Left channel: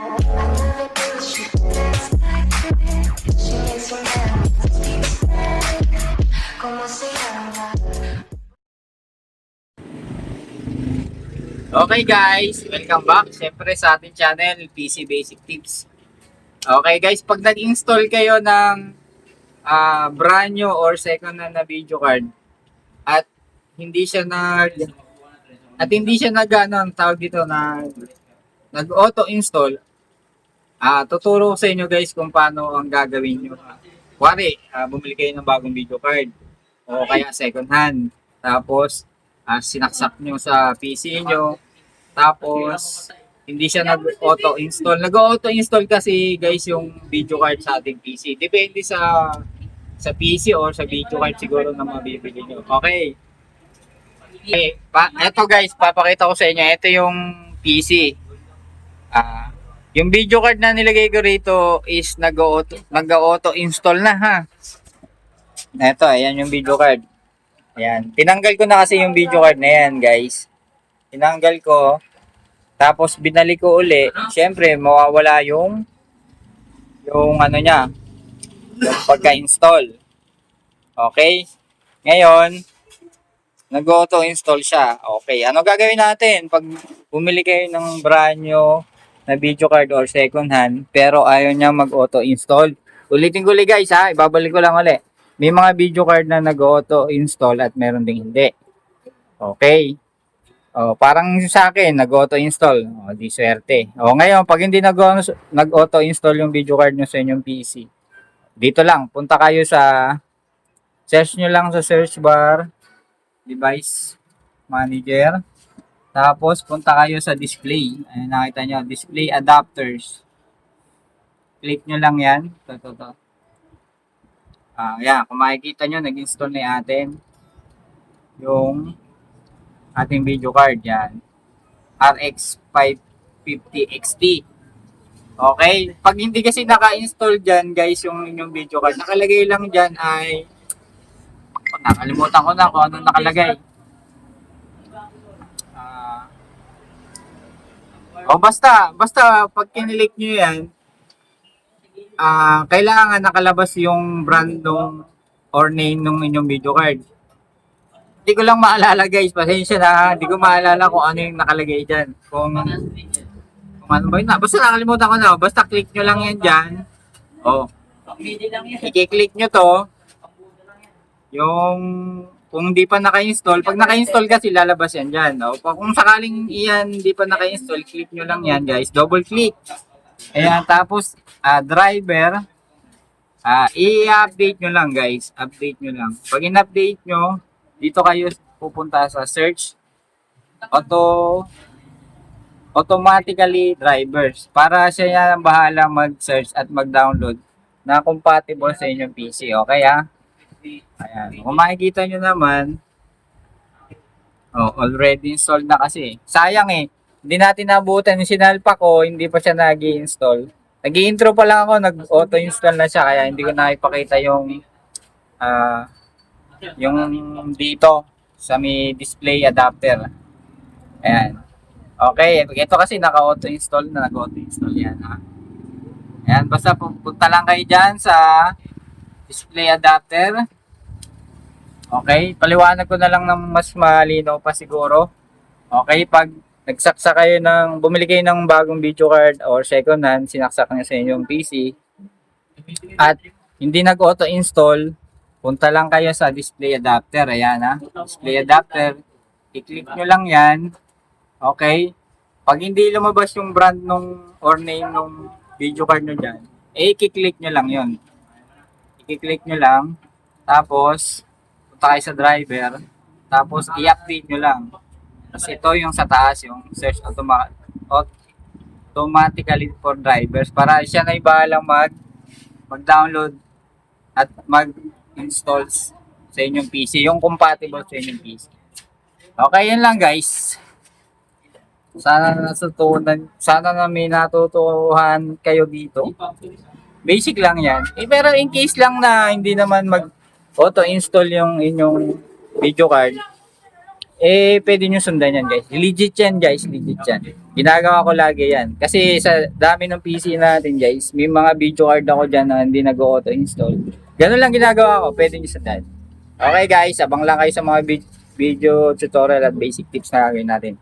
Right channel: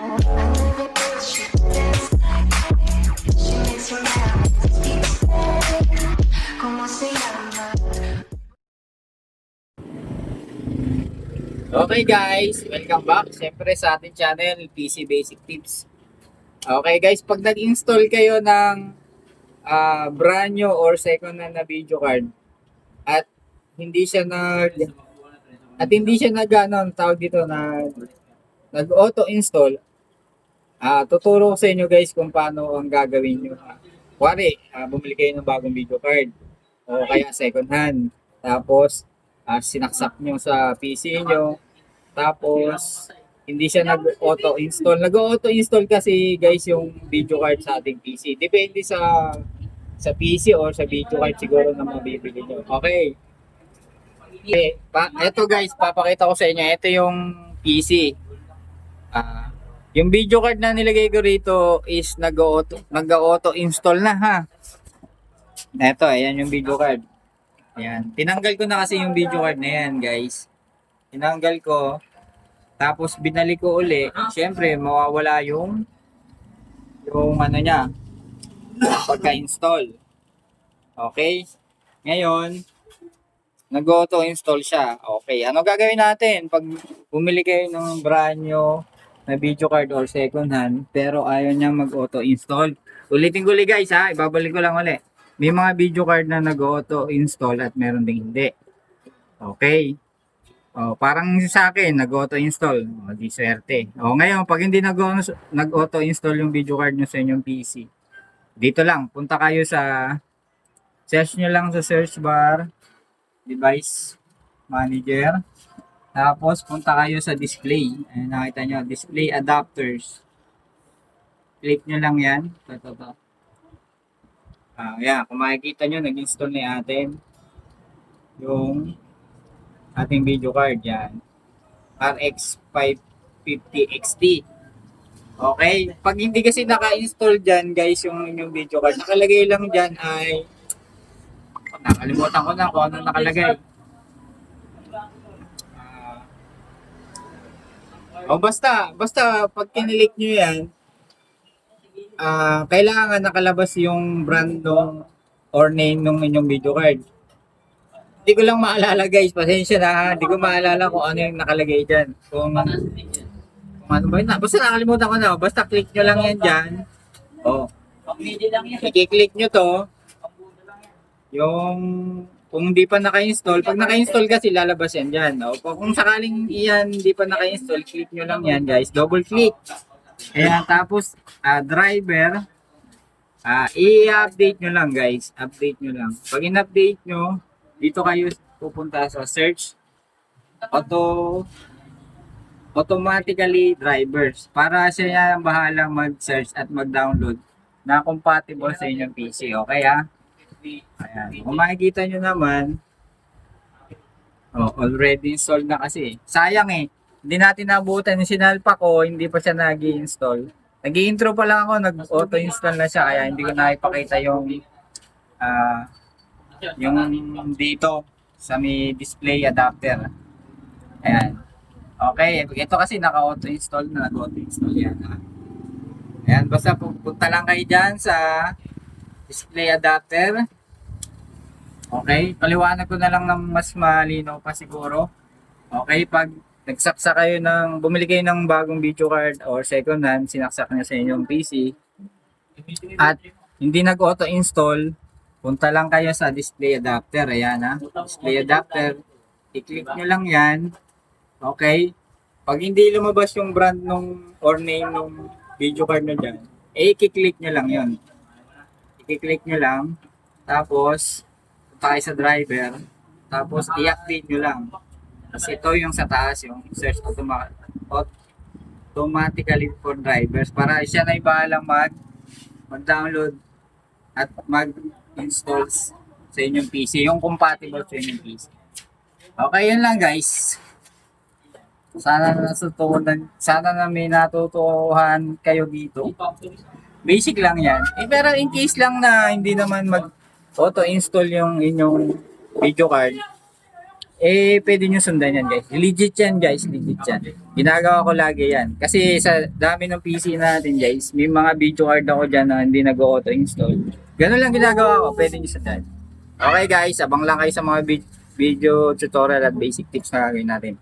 Okay guys, welcome back. Siyempre sa ating channel, PC Basic Tips. Okay guys, pag nag-install kayo ng ah, brand new or second hand na video card at hindi siya nag at hindi siya nag ano, tawag dito na nag-auto install ah tuturo ko sa inyo guys kung paano ang gagawin nyo. Kuwari, ah, bumili kayo ng bagong video card o kaya second hand. Tapos, ah, sinaksak nyo sa PC nyo. Tapos, hindi siya nag-auto install. Nag-auto install kasi guys yung video card sa ating PC. Depende sa sa PC or sa video card siguro na mabibili nyo. Okay. Okay, pa, eto guys, papakita ko sa inyo. Ito yung PC. Ah, yung video card na nilagay ko rito is nag-auto nag-auto install na ha. Ito, ayan yung video card. Ayan. Tinanggal ko na kasi yung video card na yan, guys. Tinanggal ko. Tapos binalik ko uli. Siyempre, mawawala yung yung ano niya. Pagka-install. Okay? Ngayon, nag-auto install siya. Okay. Ano gagawin natin? Pag bumili kayo ng brand new na video card or second hand, pero ayaw niya mag-auto install. Ulitin ko ulit guys ha. Ibabalik ko lang ulit. May mga video card na nag-auto install at meron ding hindi. Okay. Oh, parang sa akin, nag-auto install. Oh, di swerte. Oh, ngayon, pag hindi nag- nag-auto install yung video card nyo sa inyong PC, dito lang, punta kayo sa search nyo lang sa search bar, device manager. Tapos, punta kayo sa display. Ayan, nakita nyo, display adapters. Click nyo lang yan. Ito, ito, ito. Ah, yan, kung makikita nyo, nag-install na atin yung ating video card yan. RX 550 XT. Okay? Pag hindi kasi naka-install dyan, guys, yung inyong video card, nakalagay lang dyan ay nakalimutan ko na kung ano nakalagay. O basta, basta pag kinilik nyo yan, ah kailangan nakalabas yung brand nung or name nung inyong video card. Hindi ko lang maalala guys, pasensya na ha. Hindi ko maalala kung ano yung nakalagay dyan. Kung, kung ano ba yun na. Basta nakalimutan ko na. Basta click nyo lang yan dyan. O, i-click nyo to. Yung kung hindi pa naka-install, pag naka-install kasi lalabas yan dyan. O, pag kung sakaling iyan hindi pa naka-install, click nyo lang yan guys. Double click. Ayan, tapos ah, driver, ah i-update nyo lang guys. Update nyo lang. Pag in-update nyo, dito kayo pupunta sa search auto automatically drivers para siya ang bahala mag-search at mag-download na compatible sa inyong PC. Okay ha? Ayan. Kung makikita nyo naman, oh, already installed na kasi. Sayang eh. Hindi natin nabutan yung sinalpa ko, hindi pa siya nag install nag intro pa lang ako, nag-auto-install na siya, kaya hindi ko na ipakita yung ah yung dito sa may display adapter. Ayan. Okay, ito kasi naka-auto install na nag-auto install yan ha. Ayan, basta punta lang kayo dyan sa display adapter. Okay, paliwanag ko na lang ng mas malinaw pa siguro. Okay, pag nagsaksa kayo ng, bumili kayo ng bagong video card or second hand, sinaksak nyo sa inyong PC at hindi nag-auto install, punta lang kayo sa display adapter. Ayan ha. Display adapter. I-click nyo lang yan. Okay. Pag hindi lumabas yung brand nung or name nung video card nyo dyan, eh, i-click nyo lang yon I-click nyo lang. Tapos, punta kayo sa driver. Tapos, i-update nyo lang. Kasi ito yung sa taas, yung search automa- automatically for drivers. Para siya na bahala mag mag-download at mag-install sa inyong PC. Yung compatible sa inyong PC. Okay, yun lang guys. Sana natutunan, sana na may natutuhan kayo dito. Basic lang yan. Eh, pero in case lang na hindi naman mag auto-install yung inyong video card, eh, pwede nyo sundan yan guys. Legit yan guys, legit yan. Ginagawa ko lagi yan. Kasi sa dami ng PC natin guys, may mga video card ako dyan na hindi nag-auto install. Ganun lang ginagawa ko, pwede nyo sundan. Okay guys, abang lang kayo sa mga vid- video tutorial at basic tips na gagawin natin.